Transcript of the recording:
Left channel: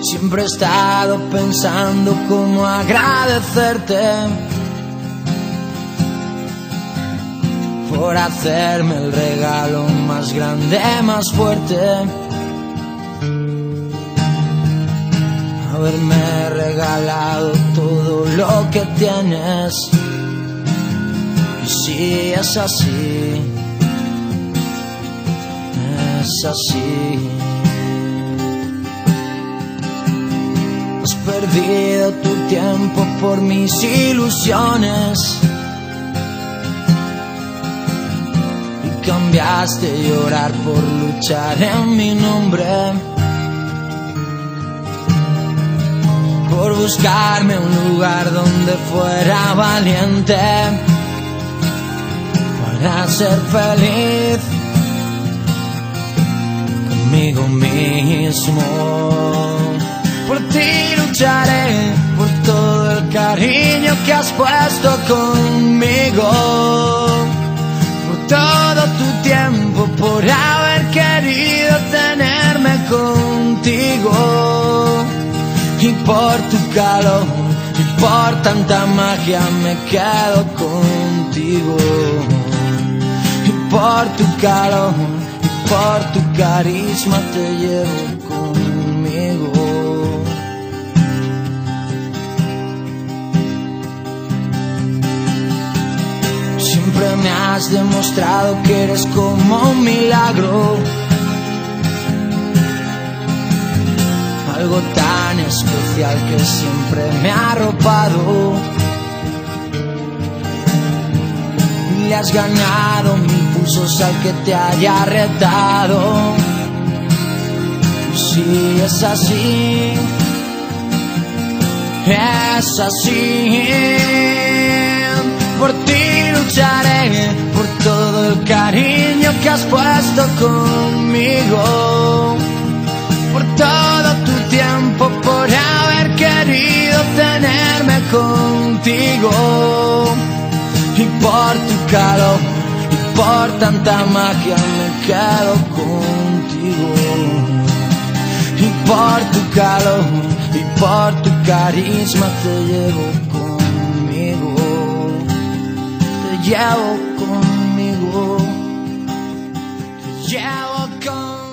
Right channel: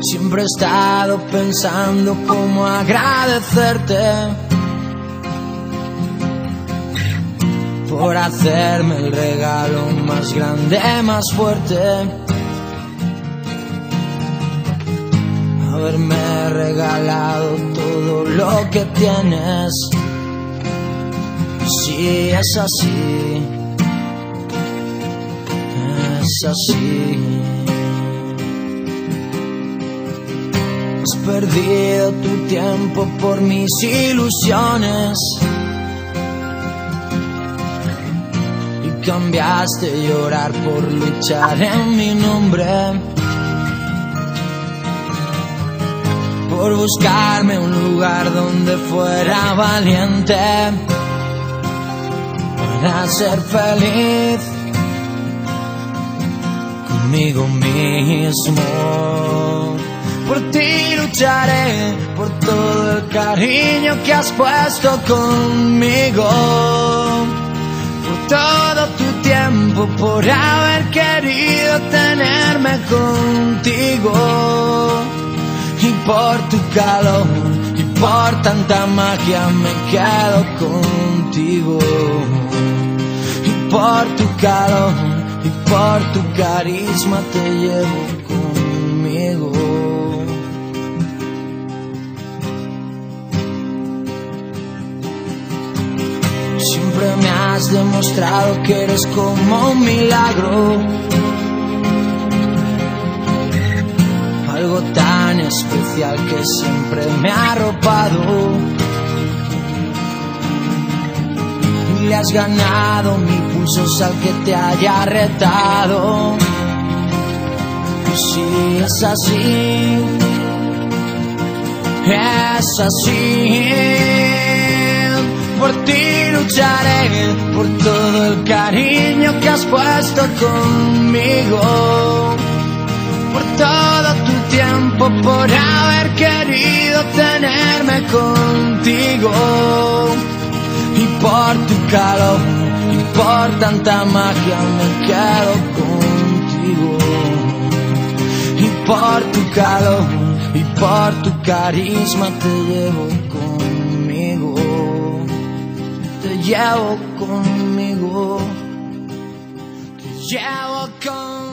Siempre he estado pensando cómo agradecerte por hacerme el regalo más grande, más fuerte. Haberme regalado todo lo que tienes. Y si es así, es así. Has perdido tu tiempo por mis ilusiones y cambiaste llorar por luchar en mi nombre, por buscarme un lugar donde fuera valiente para ser feliz conmigo mismo. Por ti lucharé, por todo el cariño que has puesto conmigo, por todo tu tiempo, por haber querido tenerme contigo. Y por tu calor y por tanta magia me quedo contigo. Y por tu calor y por tu carisma te llevo conmigo. Siempre me has demostrado que eres como un milagro, algo tan especial que siempre me ha arropado. Y le has ganado 1000 pulsos al que te haya retado. Y si es así, es así. Por ti lucharé, por todo el cariño que has puesto conmigo, por todo tu tiempo, por haber querido tenerme contigo. Y por tu calor y por tanta magia me quedo contigo. Y por tu calor y por tu carisma te llevo conmigo. Te llevo conmigo. Te llevo conmigo.